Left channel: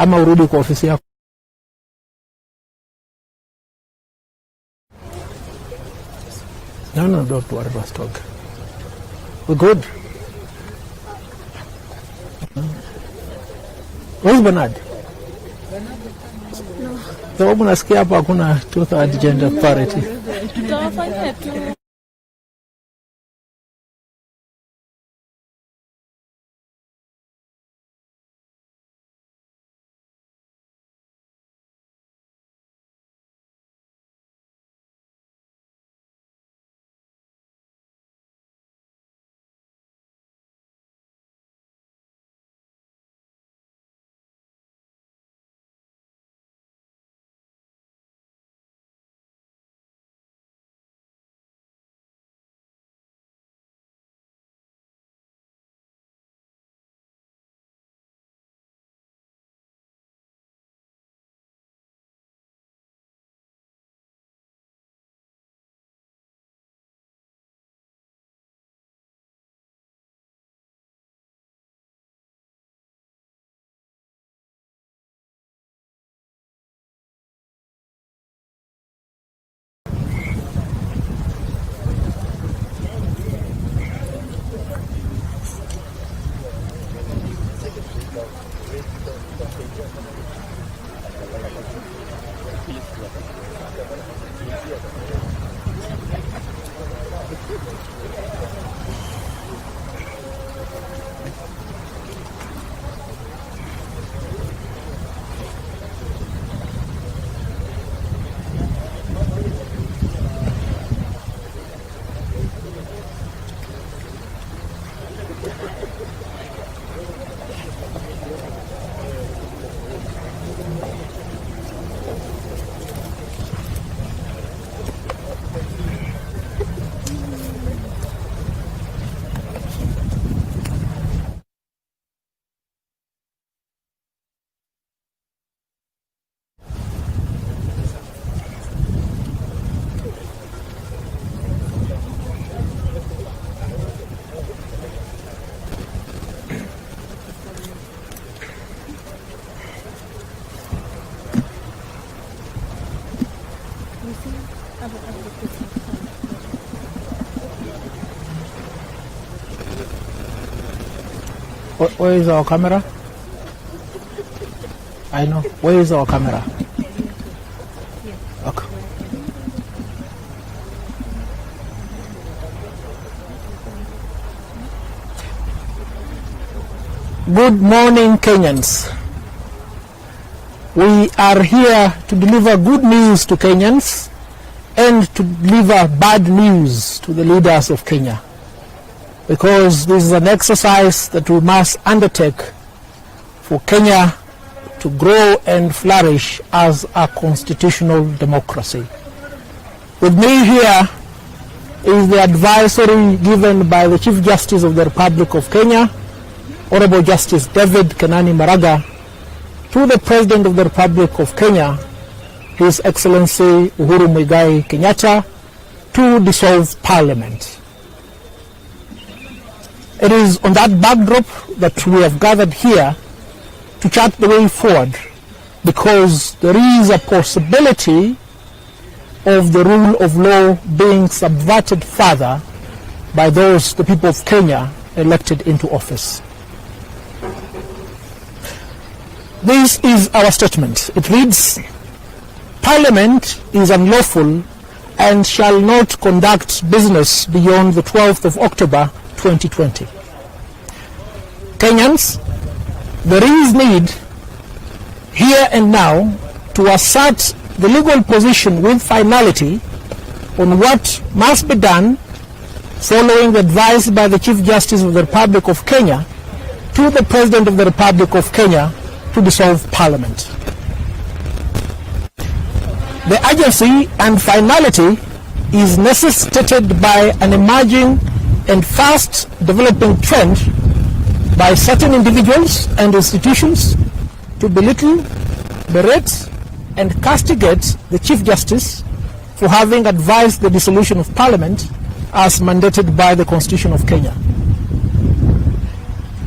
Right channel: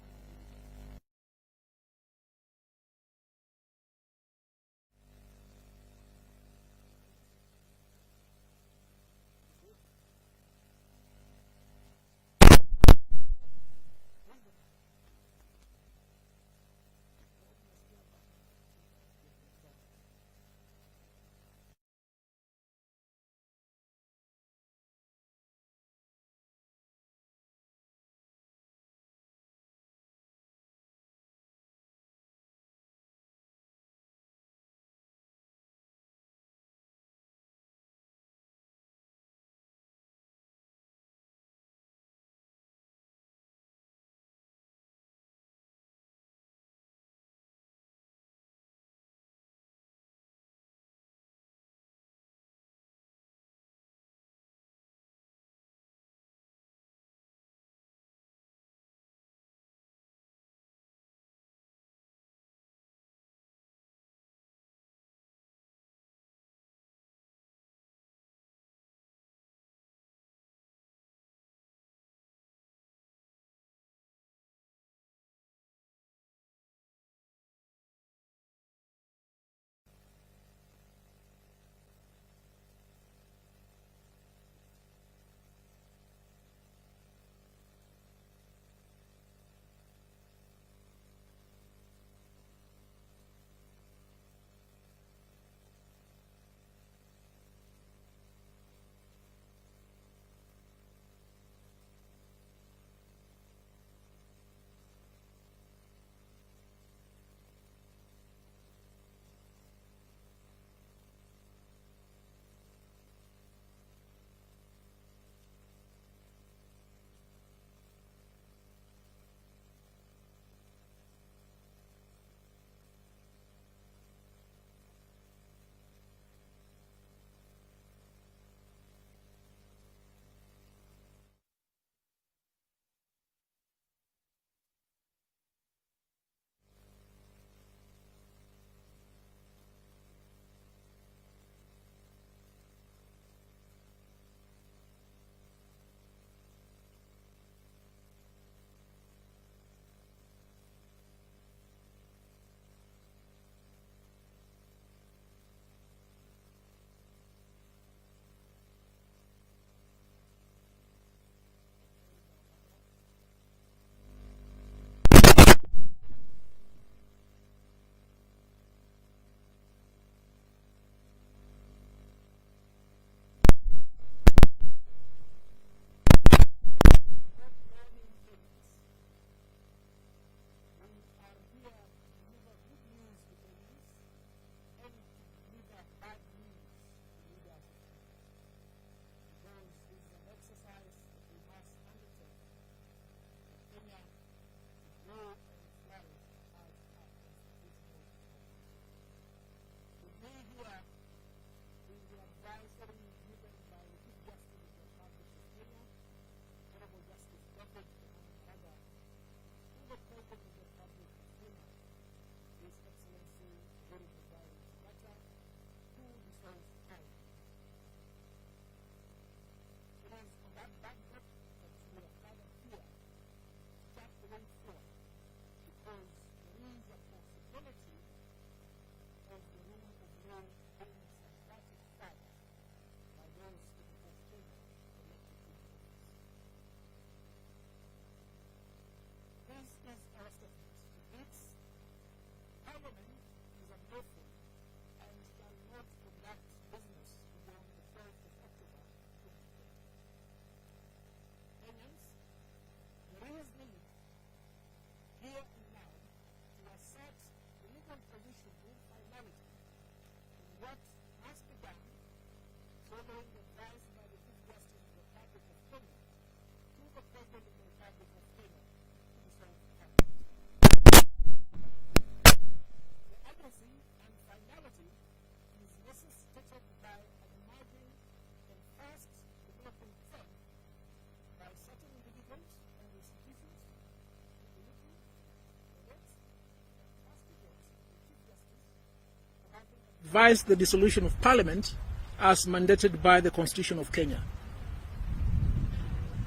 ama urudi kwa ofisi yako. No, don't worry about talk. We're good. Where's Bernard? No. Sababu nasikia hapa hakuna two-third gender parity. Tutawafanyia tu. Where is our camera? Where is our camera? Okay. Good morning, Kenyans. We are here to deliver good news to Kenyans and to deliver bad news to the leaders of Kenya, because this is an exercise that we must undertake for Kenya to grow and flourish as a constitutional democracy. With me here is the advisory given by the Chief Justice of the Republic of Kenya, Honorable Justice David Kenani Maraga, to the President of the Republic of Kenya, His Excellency Uhuru Muigai Kenyatta, to dissolve Parliament. It is on that backdrop that we have gathered here to chart the way forward, because there is a possibility of the rule of law being subverted further by those, the people of Kenya, elected into office. This is our statement. It reads, Parliament is unlawful and shall not conduct business beyond the 12th of October 2020. Kenyans, there is need here and now to assert the legal position with finality on what must be done following the advice by the Chief Justice of the Republic of Kenya to the President of the Republic of Kenya to dissolve Parliament. The urgency and finality is necessitated by an emerging and fast developing trend by certain individuals and institutions to belittle, berate, and castigate the Chief Justice for having advised the dissolution of Parliament as mandated by the Constitution of Kenya.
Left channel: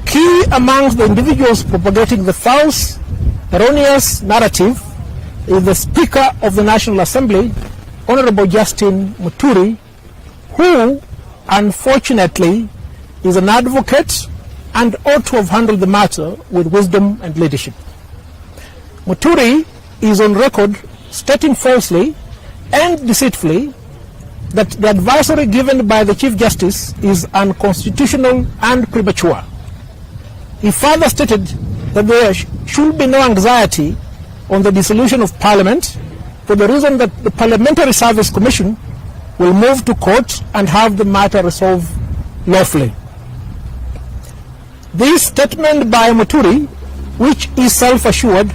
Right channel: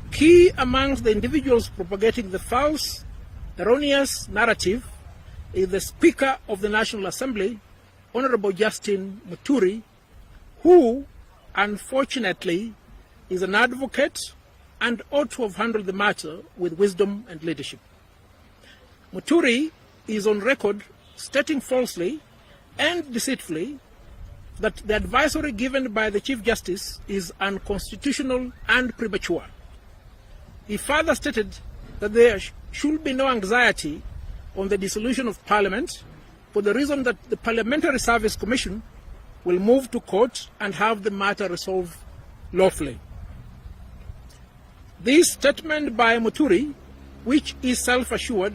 Key amongst the individuals propagating the false erroneous narrative is the Speaker of the National Assembly, Honorable Justin Muturi, who unfortunately is an advocate and ought to have handled the matter with wisdom and leadership. Muturi is on record stating falsely and deceitfully that the advisory given by the Chief Justice is unconstitutional and premature. He further stated that there should be no anxiety on the dissolution of Parliament for the reason that the Parliamentary Service Commission will move to court and have the matter resolved lawfully. This statement by Muturi, which is self-assured,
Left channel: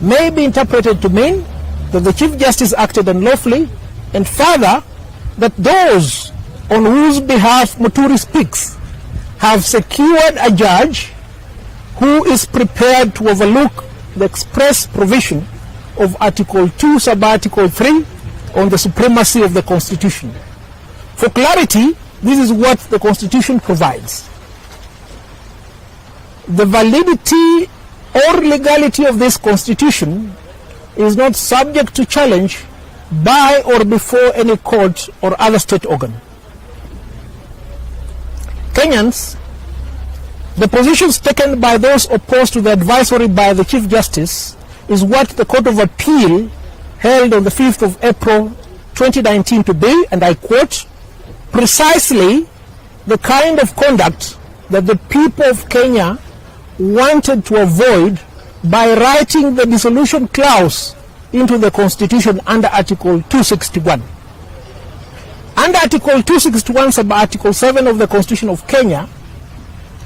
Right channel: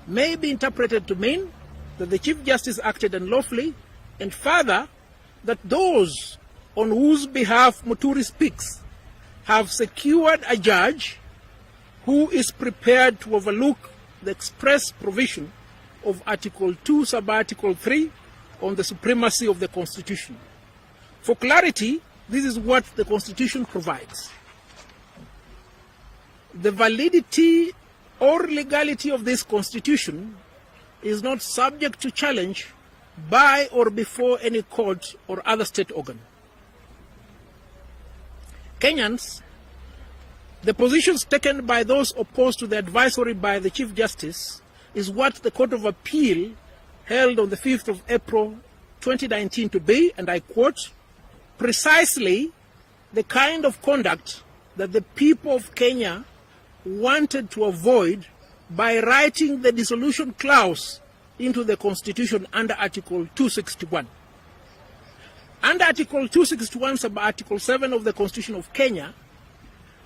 may be interpreted to mean that the Chief Justice acted unlawfully, and further that those on whose behalf Muturi speaks have secured a judge who is prepared to overlook the express provision of Article 2, Sub-Article 3 on the supremacy of the Constitution. For clarity, this is what the Constitution provides. The validity or legality of this Constitution is not subject to challenge by or before any court or other state organ. Kenyans, the positions taken by those opposed to the advisory by the Chief Justice is what the Court of Appeal held on the 5th of April 2019 to be, and I quote, precisely the kind of conduct that the people of Kenya wanted to avoid by writing the dissolution clause into the Constitution under Article 261. Under Article 261, sub-Article 7 of the Constitution of Kenya,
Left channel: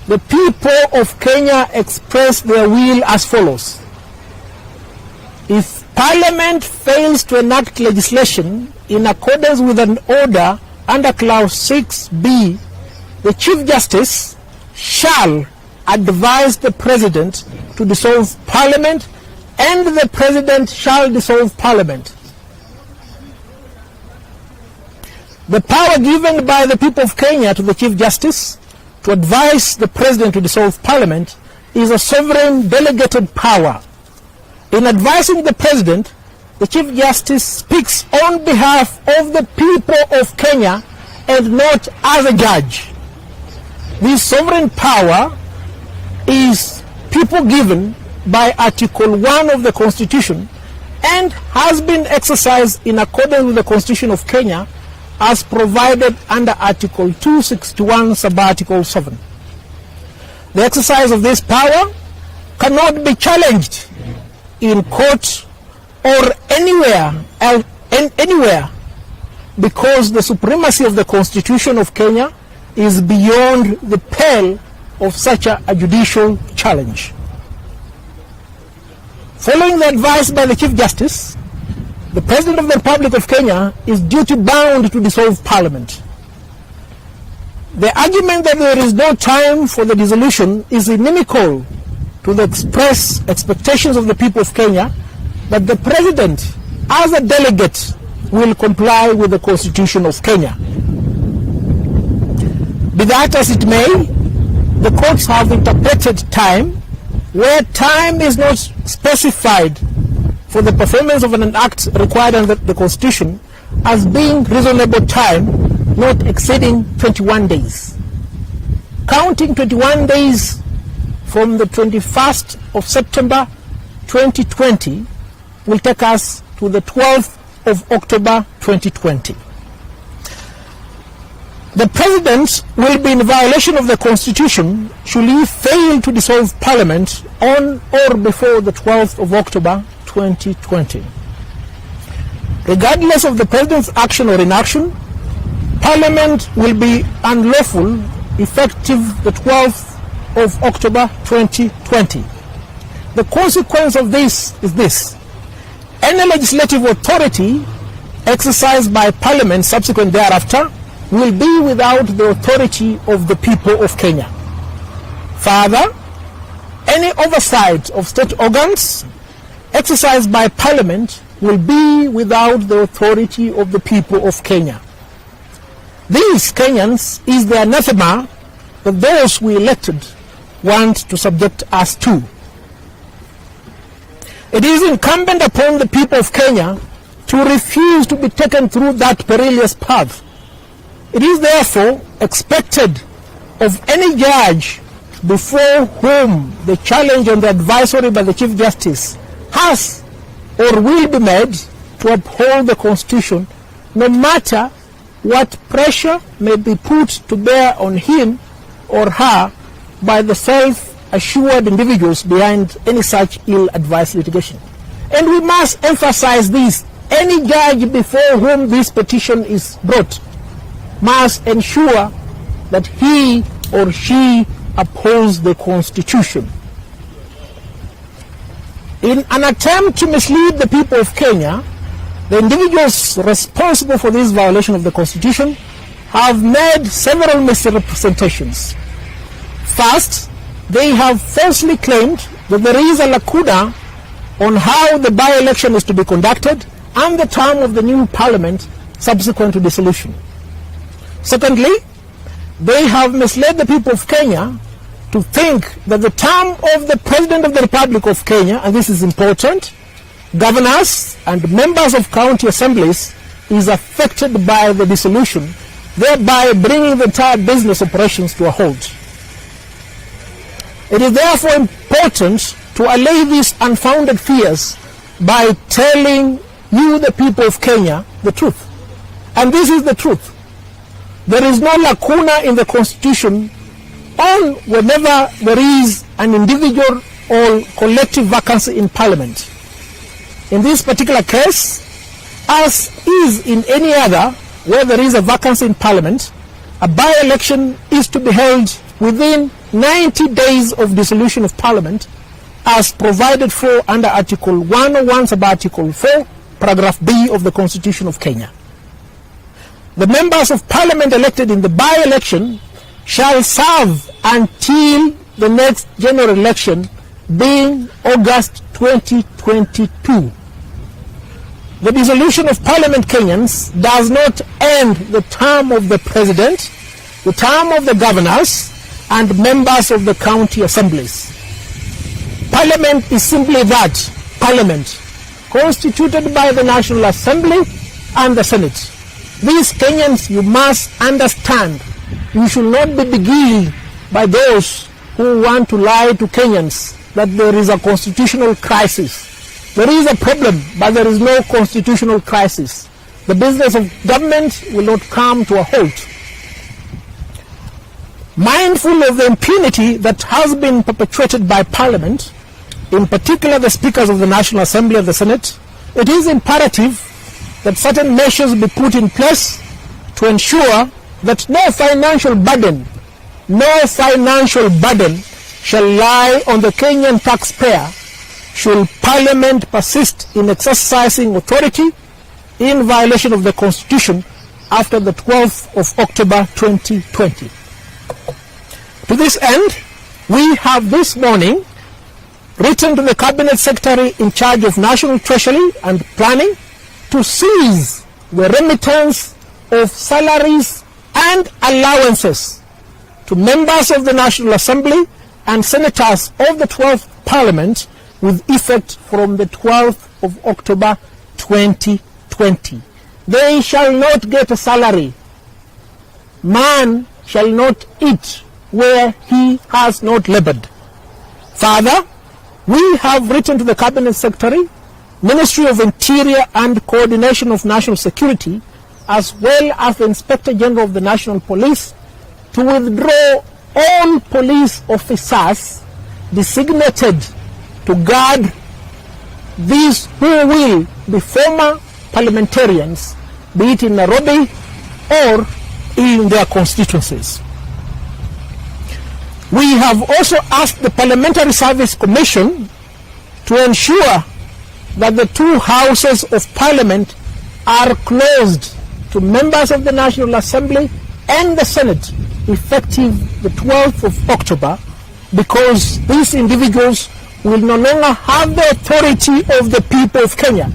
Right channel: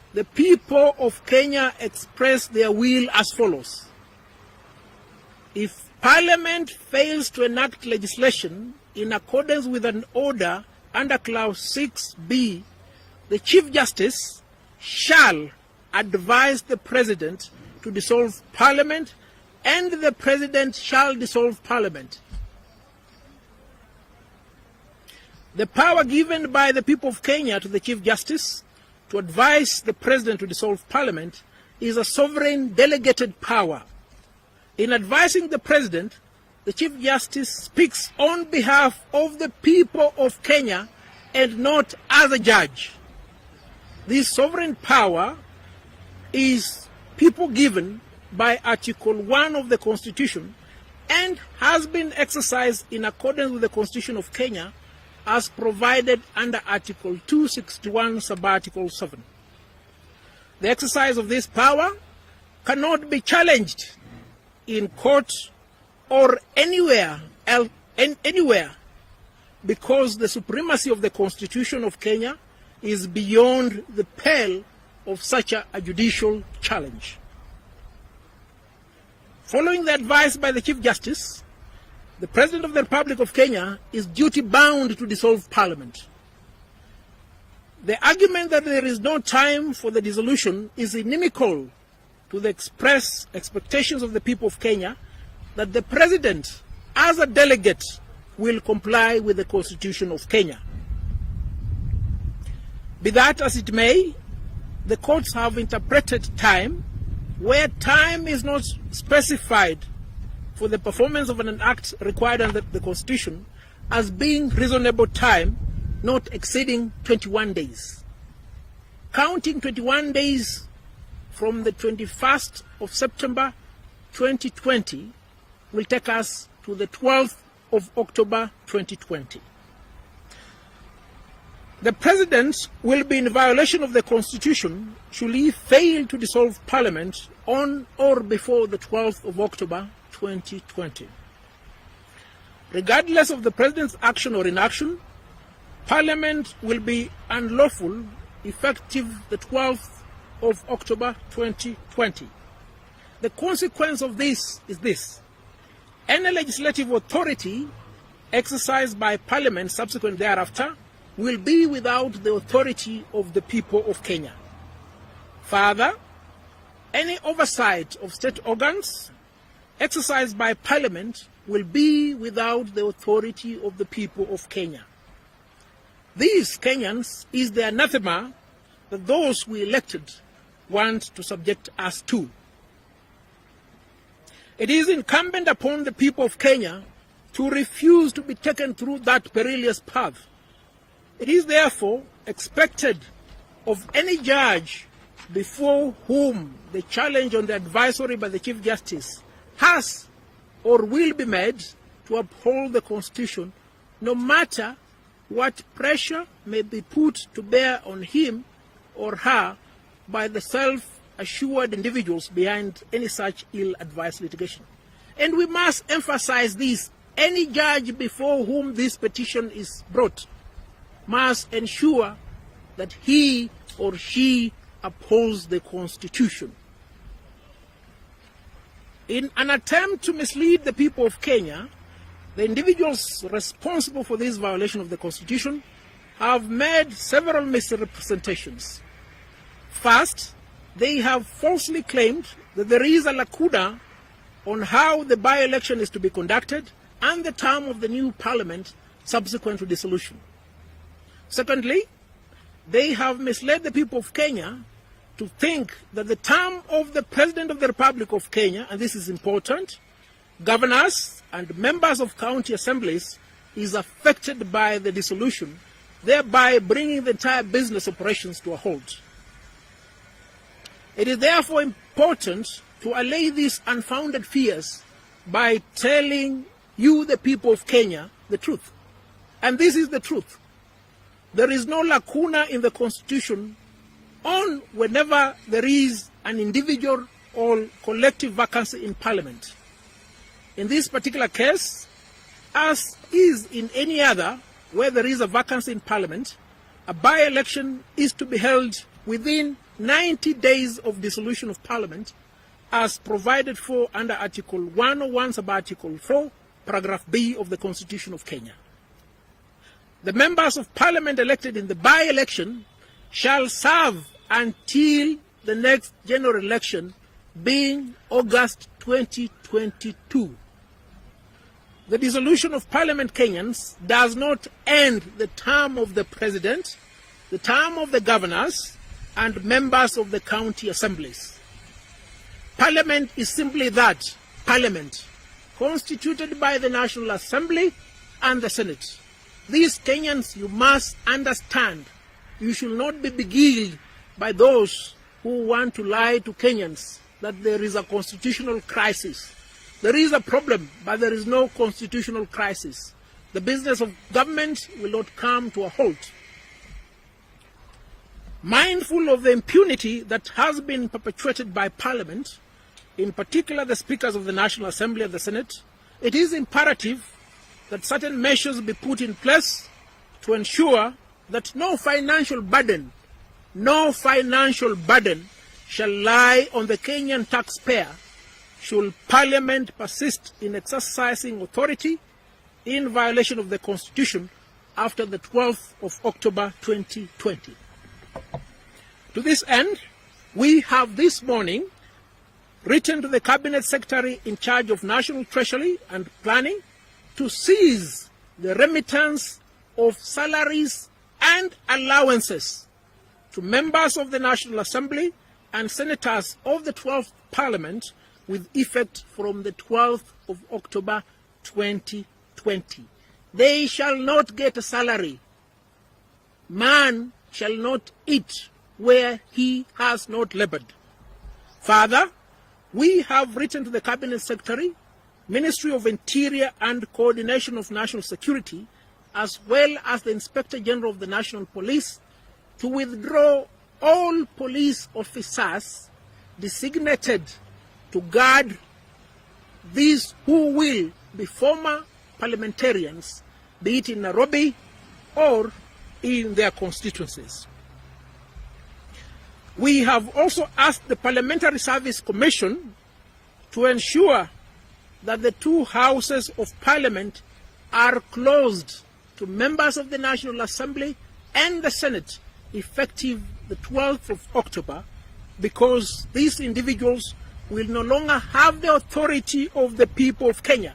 the people of Kenya express their will as follows. If Parliament fails to enact legislation in accordance with an order under Clause 6B, the Chief Justice shall advise the President to dissolve Parliament, and the President shall dissolve Parliament. The power given by the people of Kenya to the Chief Justice to advise the President to dissolve Parliament is a sovereign delegated power. In advising the President, the Chief Justice speaks on behalf of the people of Kenya and not as a judge. This sovereign power is people given by Article 1 of the Constitution and has been exercised in accordance with the Constitution of Kenya as provided under Article 261, sub-Article 7. The exercise of this power cannot be challenged in court or anywhere because the supremacy of the Constitution of Kenya is beyond the pale of such a judicial challenge. Following the advice by the Chief Justice, the President of the Republic of Kenya is duty-bound to dissolve Parliament. The argument that there is no time for the dissolution is inimical to the express expectations of the people of Kenya that the President, as a delegate, will comply with the Constitution of Kenya. Be that as it may, the courts have interpreted time where time is not specified for the performance of an act required under the Constitution as being reasonable time not exceeding 21 days. Counting 21 days from the 21st of September 2020 will take us to the 12th of October 2020. The President will be in violation of the Constitution should he fail to dissolve Parliament on or before the 12th of October 2020. Regardless of the President's action or inaction, Parliament will be unlawful effective the 12th of October 2020. The consequence of this is this: any legislative authority exercised by Parliament subsequent thereafter will be without the authority of the people of Kenya. Further, any oversight of state organs exercised by Parliament will be without the authority of the people of Kenya. These Kenyans is the anathema that those we elected want to subject us to. It is incumbent upon the people of Kenya to refuse to be taken through that perilous path. It is therefore expected of any judge before whom the challenge on the advisory by the Chief Justice has or will be made to uphold the Constitution, no matter what pressure may be put to bear on him or her by the self-assured individuals behind any such ill-advised litigation. And we must emphasize this: any judge before whom this petition is brought must ensure that he or she upholds the Constitution. In an attempt to mislead the people of Kenya, the individuals responsible for this violation of the Constitution have made several misrepresentations. First, they have falsely claimed that there is a lacuna on how the by-election is to be conducted and the term of the new parliament subsequent to dissolution. Secondly, they have misled the people of Kenya to think that the term of the President of the Republic of Kenya, and this is important, governors and members of county assemblies, is affected by the dissolution, thereby bringing the entire business operations to a halt. It is therefore important to allay these unfounded fears by telling you, the people of Kenya, the truth. And this is the truth. There is no lacuna in the Constitution on whenever there is an individual or collective vacancy in Parliament. In this particular case, as is in any other where there is a vacancy in Parliament, a by-election is to be held within 90 days of dissolution of Parliament, as provided for under Article 101 sub-Article 4, paragraph B of the Constitution of Kenya. The members of Parliament elected in the by-election shall serve until the next general election, being August 2022. The dissolution of Parliament, Kenyans, does not end the term of the President, the term of the governors, and members of the county assemblies. Parliament is simply that, Parliament, constituted by the National Assembly and the Senate. These Kenyans, you must understand, you should not be beguiled by those who want to lie to Kenyans that there is a constitutional crisis. There is a problem, but there is no constitutional crisis. The business of government will not come to a halt. Mindful of the impunity that has been perpetrated by Parliament, in particular the speakers of the National Assembly and the Senate, it is imperative that certain measures be put in place to ensure that no financial burden shall lie on the Kenyan taxpayer should Parliament persist in exercising authority in violation of the Constitution after the 12th of October 2020. To this end, we have this morning written to the Cabinet Secretary in charge of National Treasury and Planning to seize the remittance of salaries and allowances to members of the National Assembly and senators of the 12th Parliament with effect from the 12th of October 2020. They shall not get a salary. Man shall not eat where he has not labored. Further, we have written to the Cabinet Secretary, Ministry of Interior and Coordination of National Security, as well as the Inspector General of the National Police, to withdraw all police officers designated to guard these who will be former parliamentarians, be it in Nairobi or in their constituencies. We have also asked the Parliamentary Service Commission to ensure that the two houses of Parliament are closed to members of the National Assembly and the Senate effective the 12th of October, because these individuals will no longer have the authority of the people of Kenya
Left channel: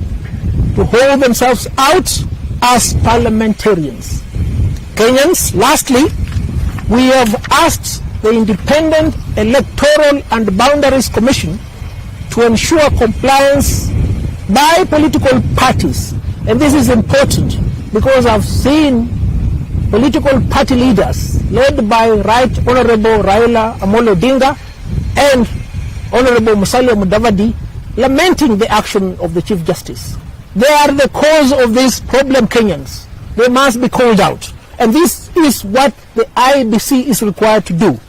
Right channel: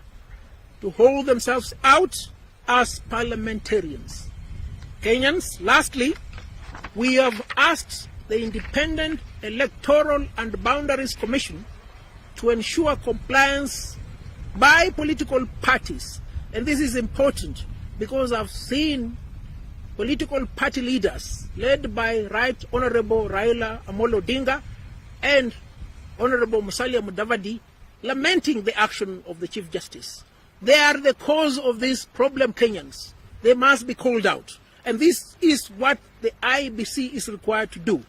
to hold themselves out as parliamentarians. Kenyans, lastly, we have asked the Independent Electoral and Boundaries Commission to ensure compliance by political parties. And this is important because I've seen political party leaders led by Right Honorable Raila Amolo Odinga and Honorable Musalia Mudavadi lamenting the action of the Chief Justice. They are the cause of this problem, Kenyans. They must be called out. And this is what the IBC is required to do.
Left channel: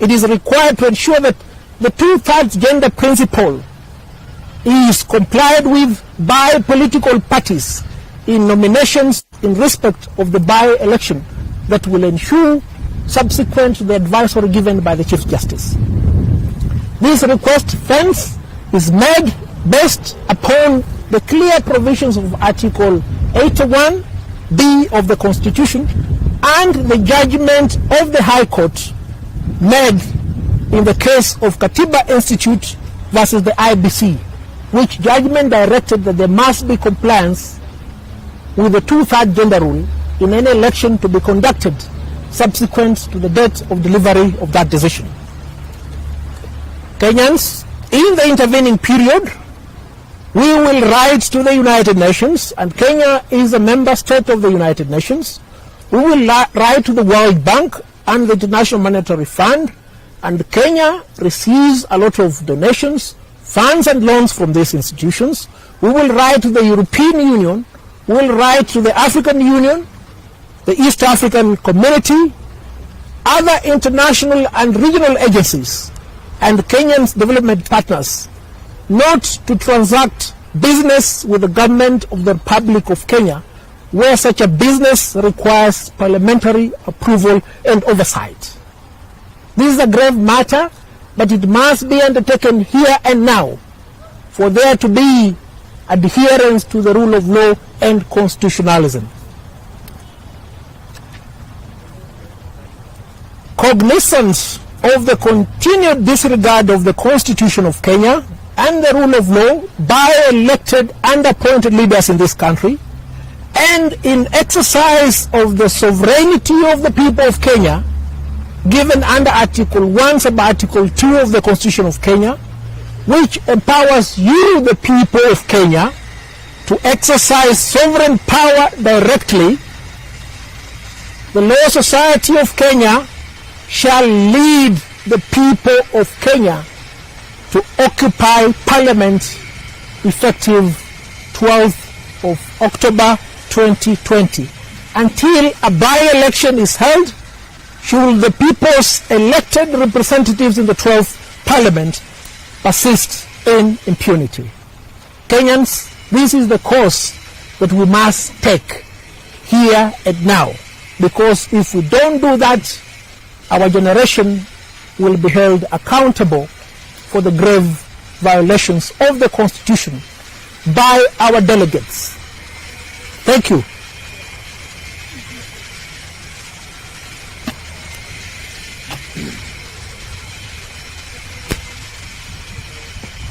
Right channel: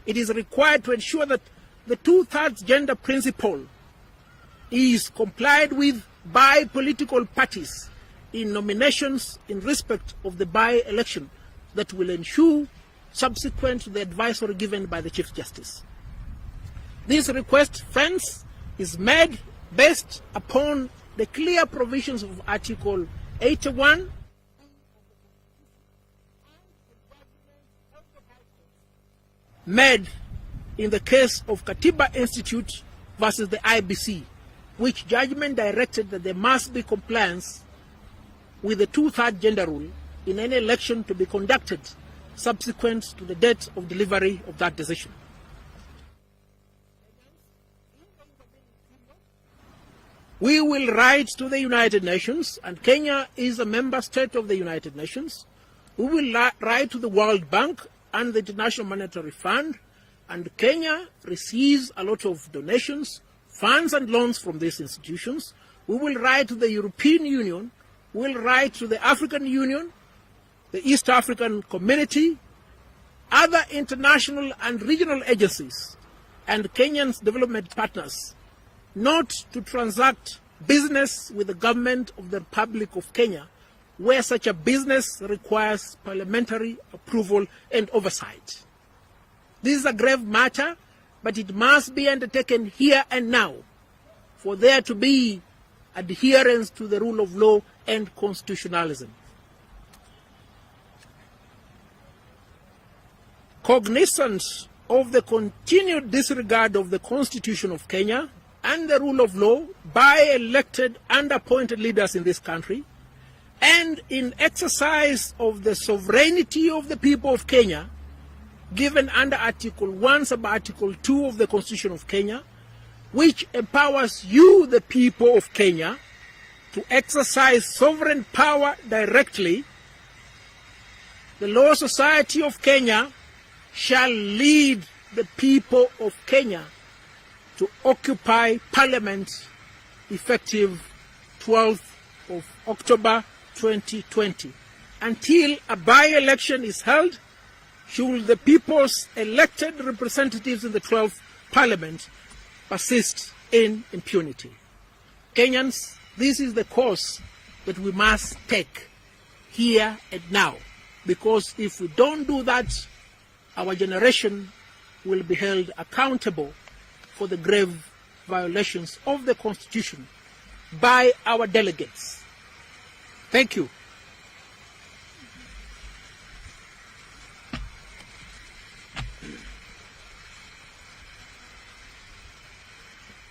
It is required to ensure that the two-thirds gender principle is complied with by political parties in nominations in respect of the by-election that will ensure subsequent to the advisory given by the Chief Justice. This request, hence, is made based upon the clear provisions of Article 81B of the Constitution and the judgment of the High Court made in the case of Katiba Institute versus the IBC, which judgment directed that there must be compliance with the two-thirds gender rule in any election to be conducted subsequent to the date of delivery of that decision. Kenyans, in the intervening period, we will write to the United Nations, and Kenya is a member state of the United Nations. We will write to the World Bank and the International Monetary Fund, and Kenya receives a lot of donations, funds and loans from these institutions. We will write to the European Union, we will write to the African Union, the East African Community, other international and regional agencies, and Kenya's development partners, not to transact business with the government of the Republic of Kenya, where such a business requires parliamentary approval and oversight. This is a grave matter, but it must be undertaken here and now for there to be adherence to the rule of law and constitutionalism. Cognizance of the continued disregard of the Constitution of Kenya and the rule of law by elected and appointed leaders in this country, and in exercise of the sovereignty of the people of Kenya, given under Article 1 sub Article 2 of the Constitution of Kenya, which empowers you, the people of Kenya, to exercise sovereign power directly, the Law Society of Kenya shall lead the people of Kenya to occupy Parliament effective 12th of October 2020. Until a by-election is held, should the people's elected representatives in the 12th Parliament persist in impunity. Kenyans, this is the course that we must take here and now, because if we don't do that, our generation will be held accountable for the grave violations of the Constitution by our delegates. Thank you.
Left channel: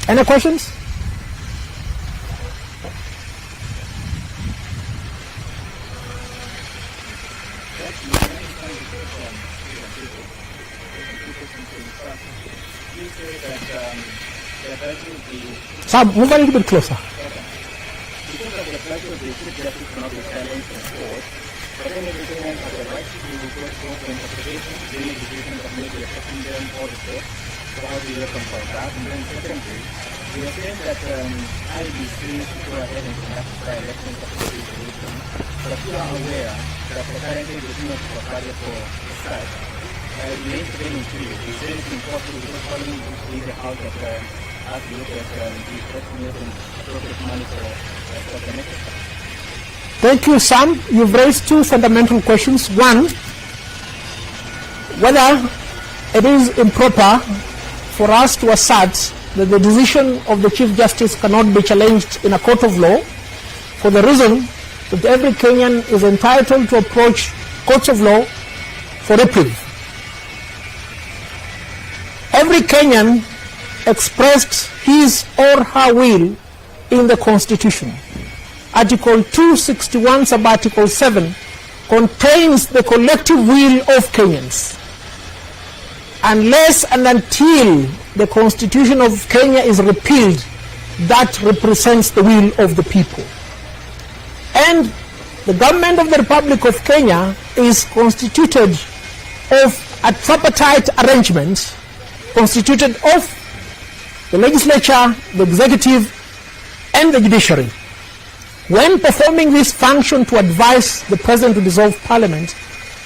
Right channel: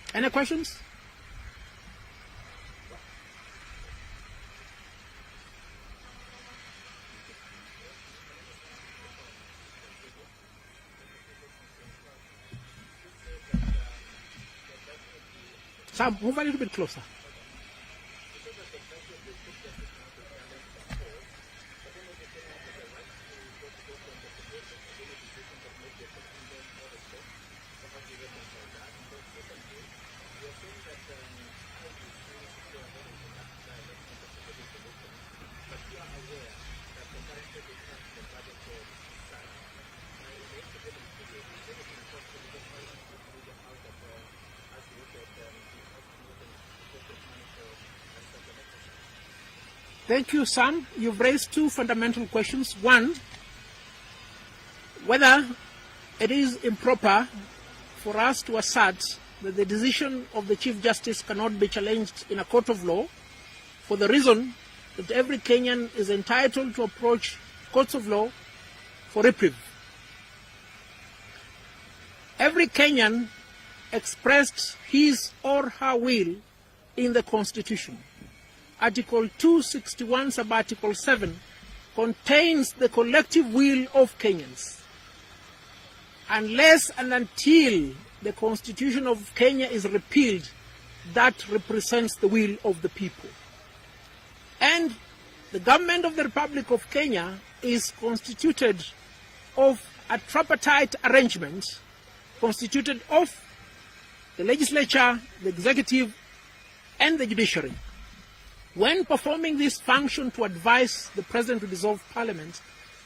Any questions? Sam, move a little bit closer. We are saying that IBC should go ahead and conduct by-election participation, but you are aware that currently the team of Somalia for SAD remains to be increased. Is there anything possible to following the House that as we look at the effectiveness and appropriate money for the next? Thank you, Sam. You've raised two fundamental questions. One, whether it is improper for us to assert that the decision of the Chief Justice cannot be challenged in a court of law, for the reason that every Kenyan is entitled to approach courts of law for reprieve. Every Kenyan expressed his or her will in the Constitution. Article 261 sub Article 7 contains the collective will of Kenyans. Unless and until the Constitution of Kenya is repealed, that represents the will of the people. And the government of the Republic of Kenya is constituted of a tripartite arrangement, constituted of the legislature, the executive, and the judiciary. When performing this function to advise the president to dissolve parliament,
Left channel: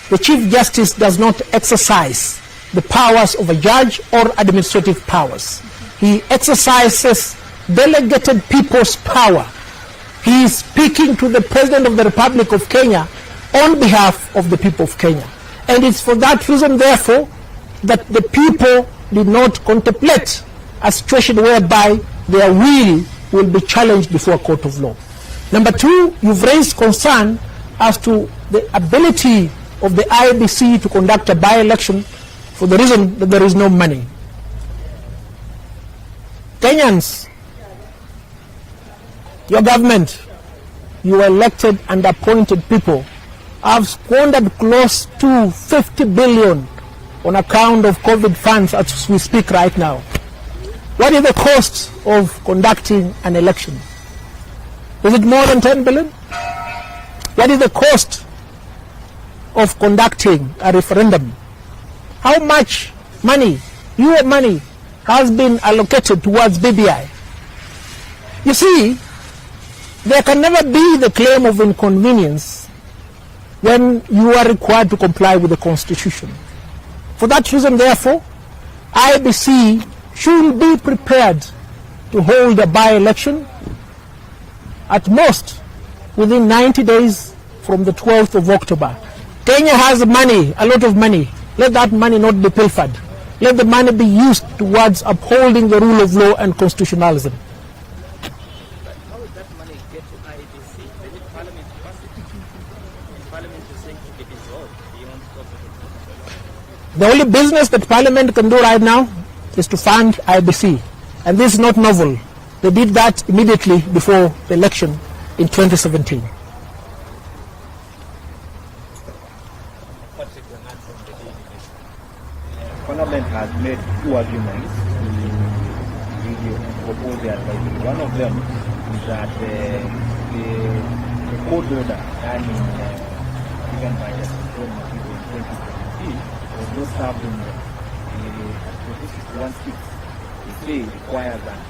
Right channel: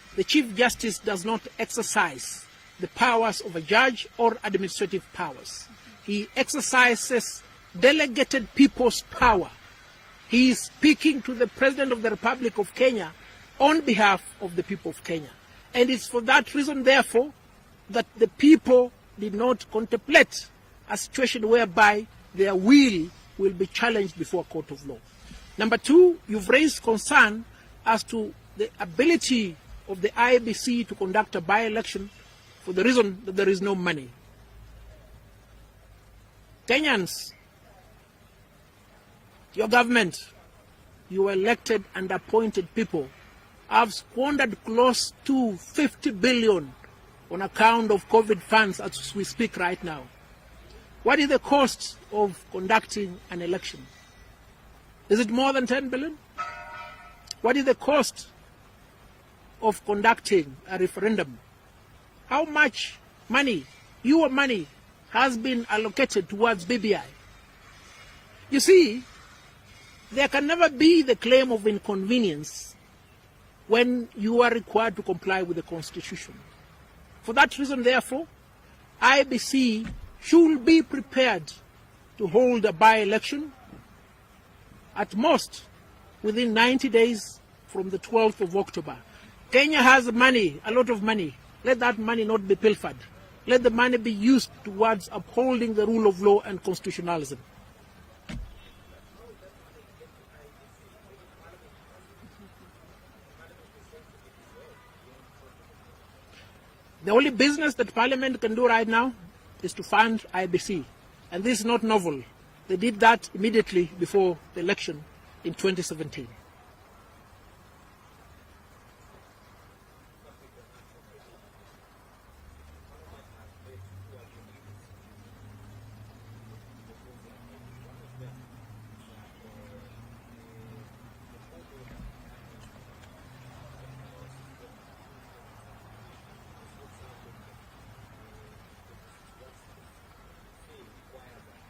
the Chief Justice does not exercise the powers of a judge or administrative powers. He exercises delegated people's power. He is speaking to the President of the Republic of Kenya on behalf of the people of Kenya. And it's for that reason, therefore, that the people did not contemplate a situation whereby their will be challenged before a court of law. Number two, you've raised concern as to the ability of the IEBC to conduct a by-election for the reason that there is no money. Kenyans, your government, your elected and appointed people have squandered close to 50 billion on account of COVID funds as we speak right now. What is the cost of conducting an election? Is it more than 10 billion? What is the cost of conducting a referendum? How much money, your money, has been allocated towards BBI? You see, there can never be the claim of inconvenience when you are required to comply with the Constitution. For that reason, therefore, IEBC should be prepared to hold a by-election at most within 90 days from the 12th of October. Kenya has money, a lot of money. Let that money not be pilfered. Let the money be used towards upholding the rule of law and constitutionalism. How will that money get to IEBC? They need Parliament capacity. And Parliament is saying to be dissolved beyond scope. The only business that Parliament can do right now is to fund IEBC. And this is not novel. They did that immediately before the election in 2017. Parliament has made two arguments in the proposal advisory. One of them is that the court order given by the Supreme Court in 2017 was not served in the 1/6. The say requires that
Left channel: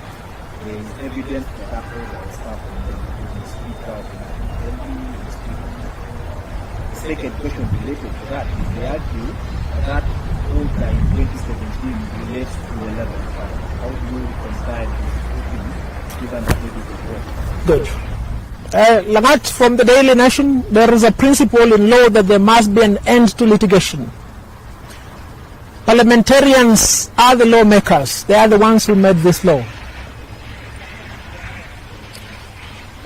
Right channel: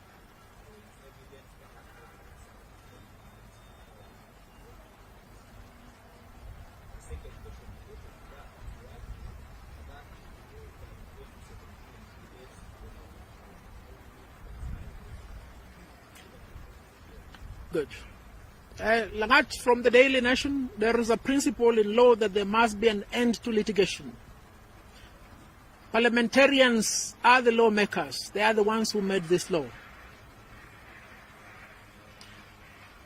there is evidence that order was served in the Speaker of the Assembly. The second question related to that is they argue that order in 2017 relates to the level of fund. How do you reconcile these two things given that it is a court? Good. Lagat, from the Daily Nation, there is a principle in law that there must be an end to litigation. Parliamentarians are the lawmakers. They are the ones who made this law.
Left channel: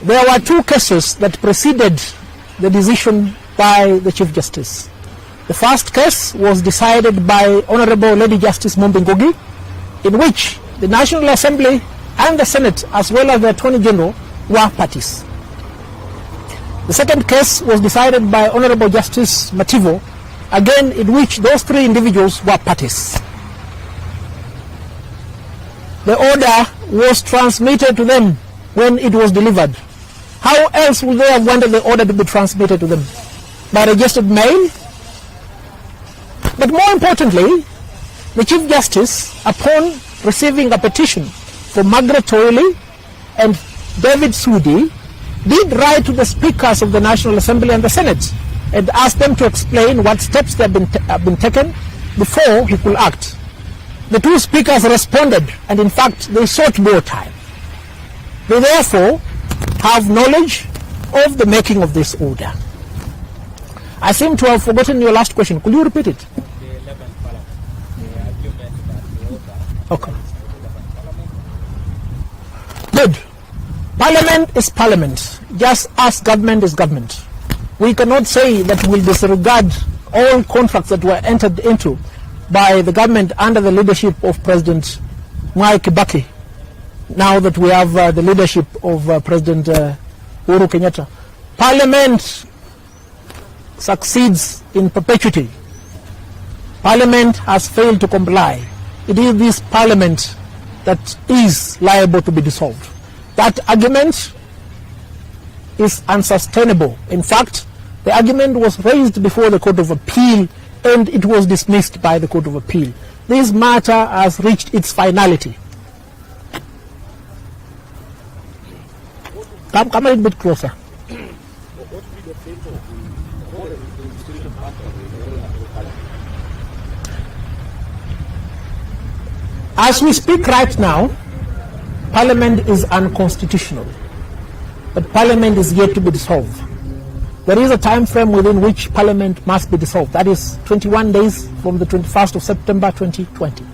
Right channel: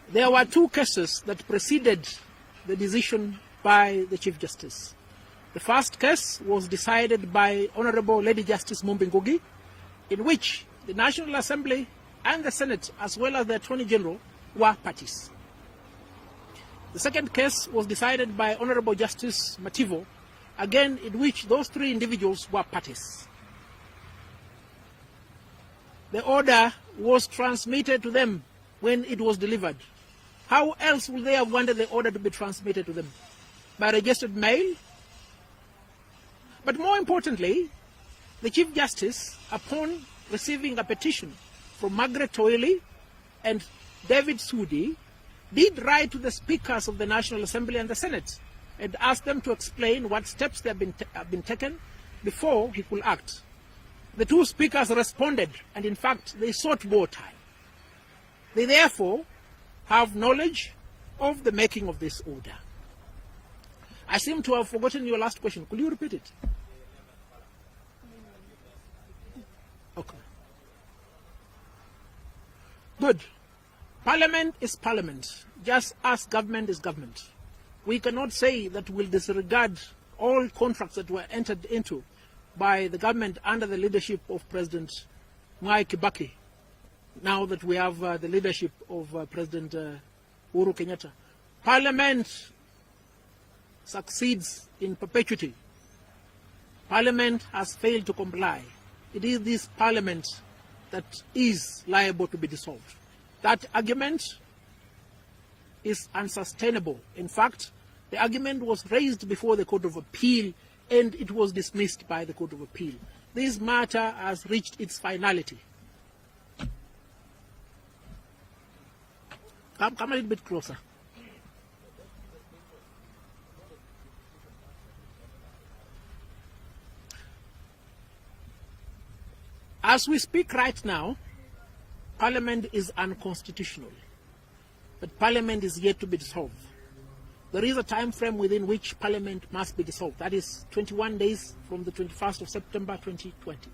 There were two cases that preceded the decision by the Chief Justice. The first case was decided by Honorable Lady Justice Mombi Ngugi, in which the National Assembly and the Senate, as well as the Attorney General, were parties. The second case was decided by Honorable Justice Mativo, again in which those three individuals were parties. The order was transmitted to them when it was delivered. How else would they have wanted the order to be transmitted to them? By registered mail? But more importantly, the Chief Justice, upon receiving a petition from Margaret Toyle and David Sudi, did write to the speakers of the National Assembly and the Senate and asked them to explain what steps have been taken before he could act. The two speakers responded, and in fact they sought more time. They therefore have knowledge of the making of this order. I seem to have forgotten your last question. Could you repeat it? The 11th Parliament, the argument that the order Okay. Good. Parliament is parliament, just as government is government. We cannot say that we'll disregard all contracts that were entered into by the government under the leadership of President Mwai Kibaki, now that we have the leadership of President Uhuru Kenyatta. Parliament succeeds in perpetuity. Parliament has failed to comply. it is this parliament that is liable to be dissolved. That argument is unsustainable. In fact, the argument was raised before the Court of Appeal and it was dismissed by the Court of Appeal. This matter has reached its finality. Come a little bit closer. As we speak right now, Parliament is unconstitutional, but Parliament is yet to be dissolved. There is a time frame within which Parliament must be dissolved. That is 21 days from the 21st of September 2020.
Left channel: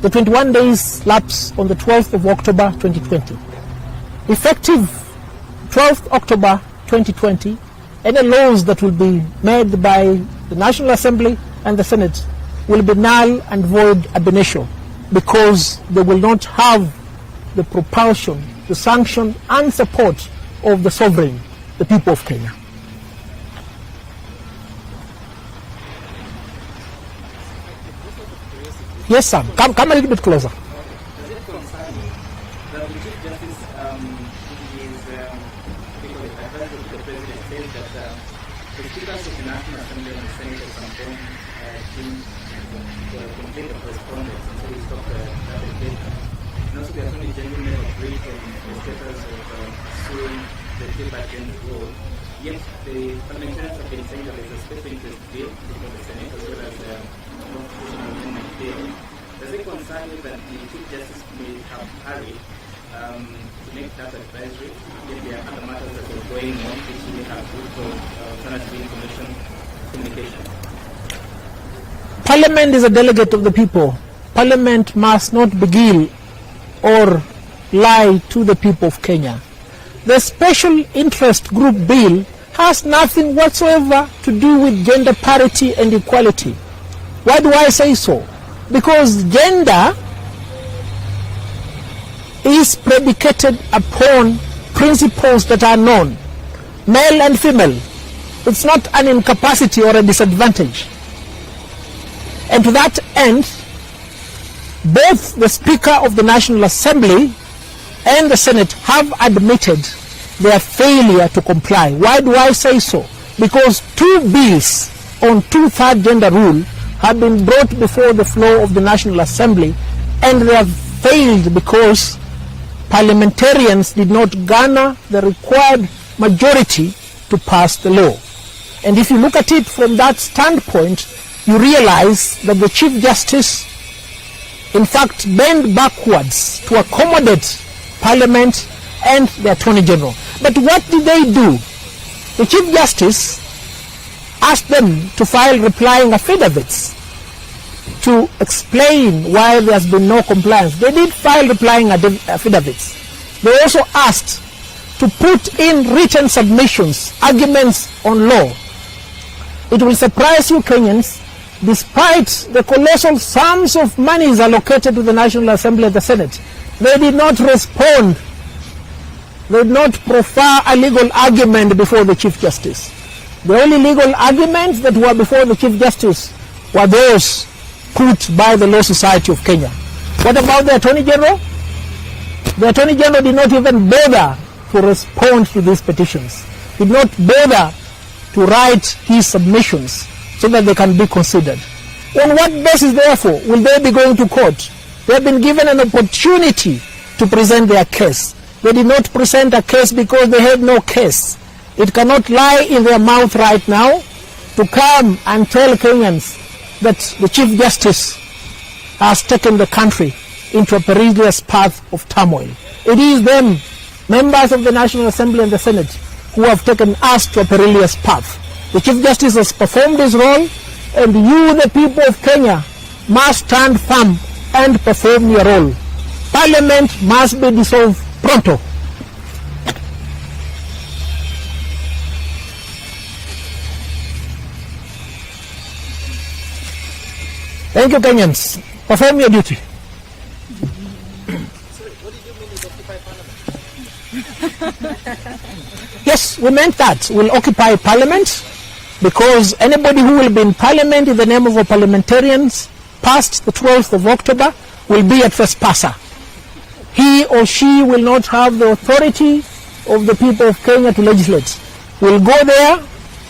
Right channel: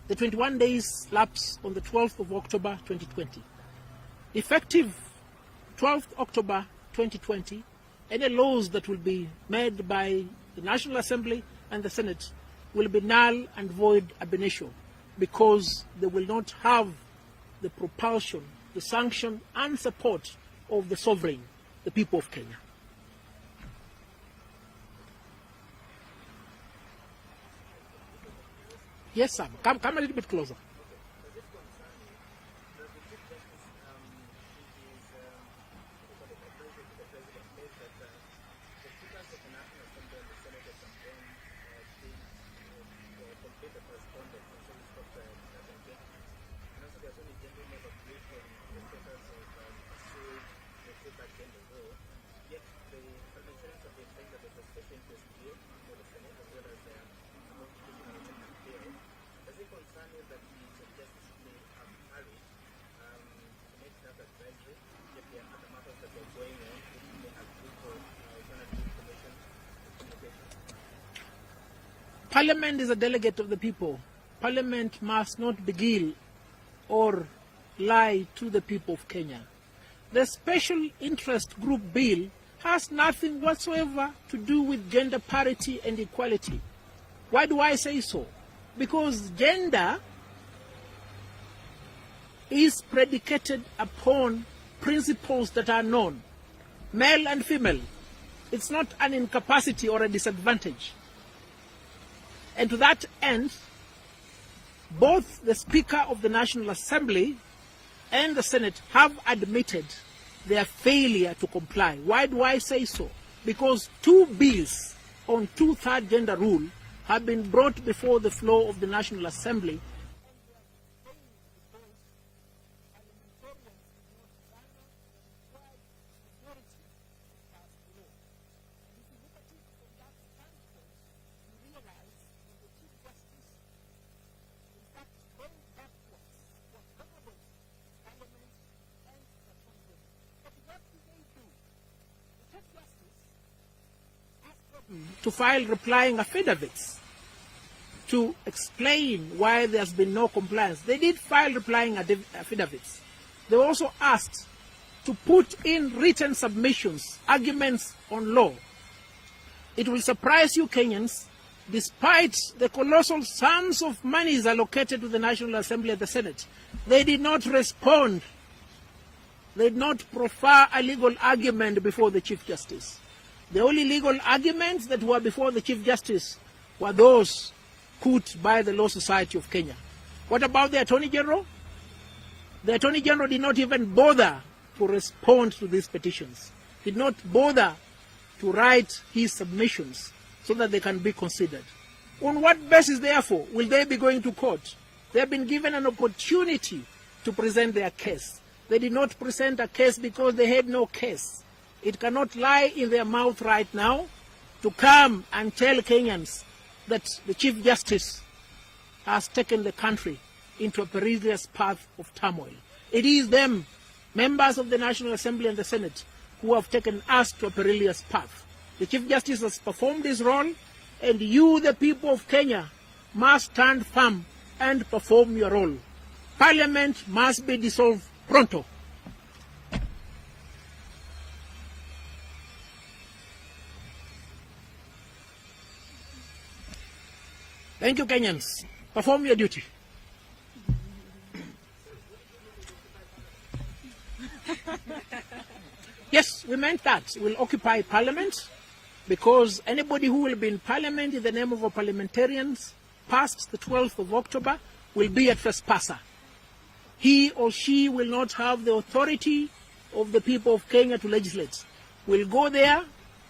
The 21 days lapse on the 12th of October 2020. Effective 12th October 2020, any laws that will be made by the National Assembly and the Senate will be null and void ab initio, because they will not have the propulsion, the sanction and support of the sovereign, the people of Kenya. Yes, sir. Come a little bit closer. Does it concern you that the Chief Justice is advisor to the President says that the speakers of the National Assembly and the Senate at some point complete the correspondence and so he stopped that engagement. And also the Attorney General never agreed on the status of suing the Chief Justice role. Yet the parliamentarians have been saying that there is a special interest bill before the Senate as well as the constitutional amendment bill. Does it concern you that the Chief Justice may have hurried to make that advisory? Yet there are other matters that are going on which we have for alternative information communication. Parliament is a delegate of the people. Parliament must not beguile or lie to the people of Kenya. The special interest group bill has nothing whatsoever to do with gender parity and equality. Why do I say so? Because gender is predicated upon principles that are known, male and female. It's not an incapacity or a disadvantage. And to that end, both the Speaker of the National Assembly and the Senate have admitted their failure to comply. Why do I say so? Because two bills on two-third gender rule have been brought before the floor of the National Assembly, and they have failed because parliamentarians did not garner the required majority to pass the law. And if you look at it from that standpoint, you realize that the Chief Justice in fact bent backwards to accommodate Parliament and the Attorney General. But what did they do? The Chief Justice asked them to file replying affidavits to explain why there has been no compliance. They did file replying affidavits. They also asked to put in written submissions, arguments on law. It will surprise you, Kenyans, despite the colossal sums of monies allocated to the National Assembly and the Senate, they did not respond. They did not proffer a legal argument before the Chief Justice. The only legal arguments that were before the Chief Justice were those put by the Law Society of Kenya. What about the Attorney General? The Attorney General did not even bother to respond to these petitions. Did not bother to write his submissions so that they can be considered. On what basis, therefore, will they be going to court? They have been given an opportunity to present their case. They did not present a case because they had no case. It cannot lie in their mouth right now to come and tell Kenyans that the Chief Justice has taken the country into a perilous path of turmoil. It is them, members of the National Assembly and the Senate, who have taken us to a perilous path. The Chief Justice has performed his role, and you, the people of Kenya, must stand firm and perform your role. Parliament must be dissolved pronto. Thank you, Kenyans. Perform your duty. Yes, we meant that. We'll occupy Parliament, because anybody who will be in Parliament in the name of our parliamentarians past the 12th of October will be a trespasser. He or she will not have the authority of the people of Kenya to legislate. We'll go there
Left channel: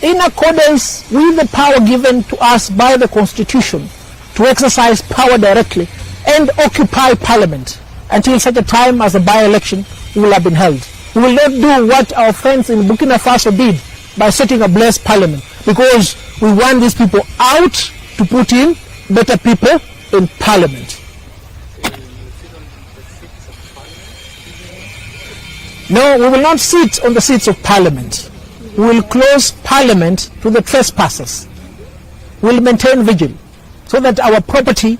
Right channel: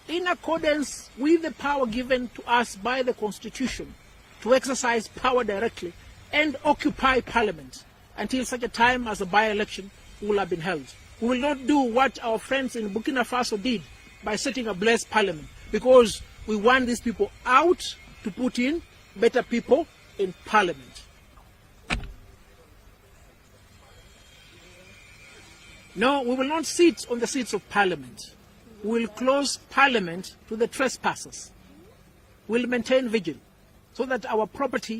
in accordance with the power given to us by the Constitution to exercise power directly and occupy Parliament until such a time as a by-election will have been held. We will not do what our friends in Burkina Faso did by setting ablaze Parliament, because we want these people out to put in better people in Parliament. No, we will not sit on the seats of Parliament. We will close Parliament to the trespassers. We will maintain vigil so that our property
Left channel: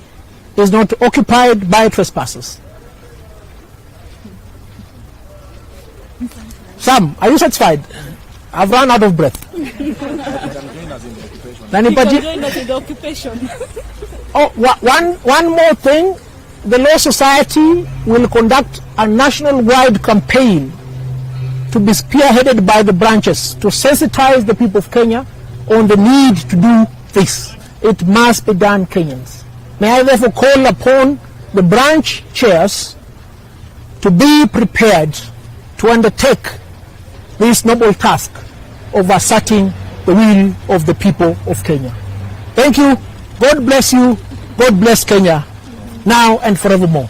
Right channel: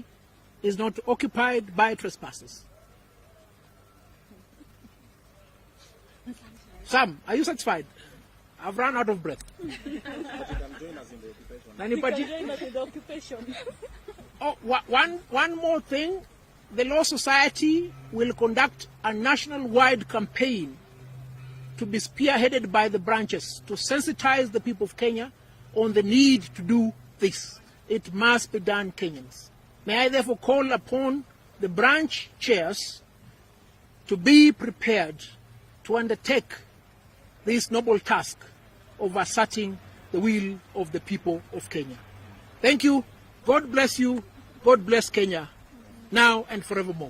is not occupied by trespassers. Sam, are you satisfied? I've run out of breath. Oh, one more thing. The Law Society will conduct a national-wide campaign to be spearheaded by the branches to sensitize the people of Kenya on the need to do this. It must be done, Kenyans. May I therefore call upon the branch chairs to be prepared to undertake this noble task of asserting the will of the people of Kenya. Thank you. God bless you. God bless Kenya, now and forevermore.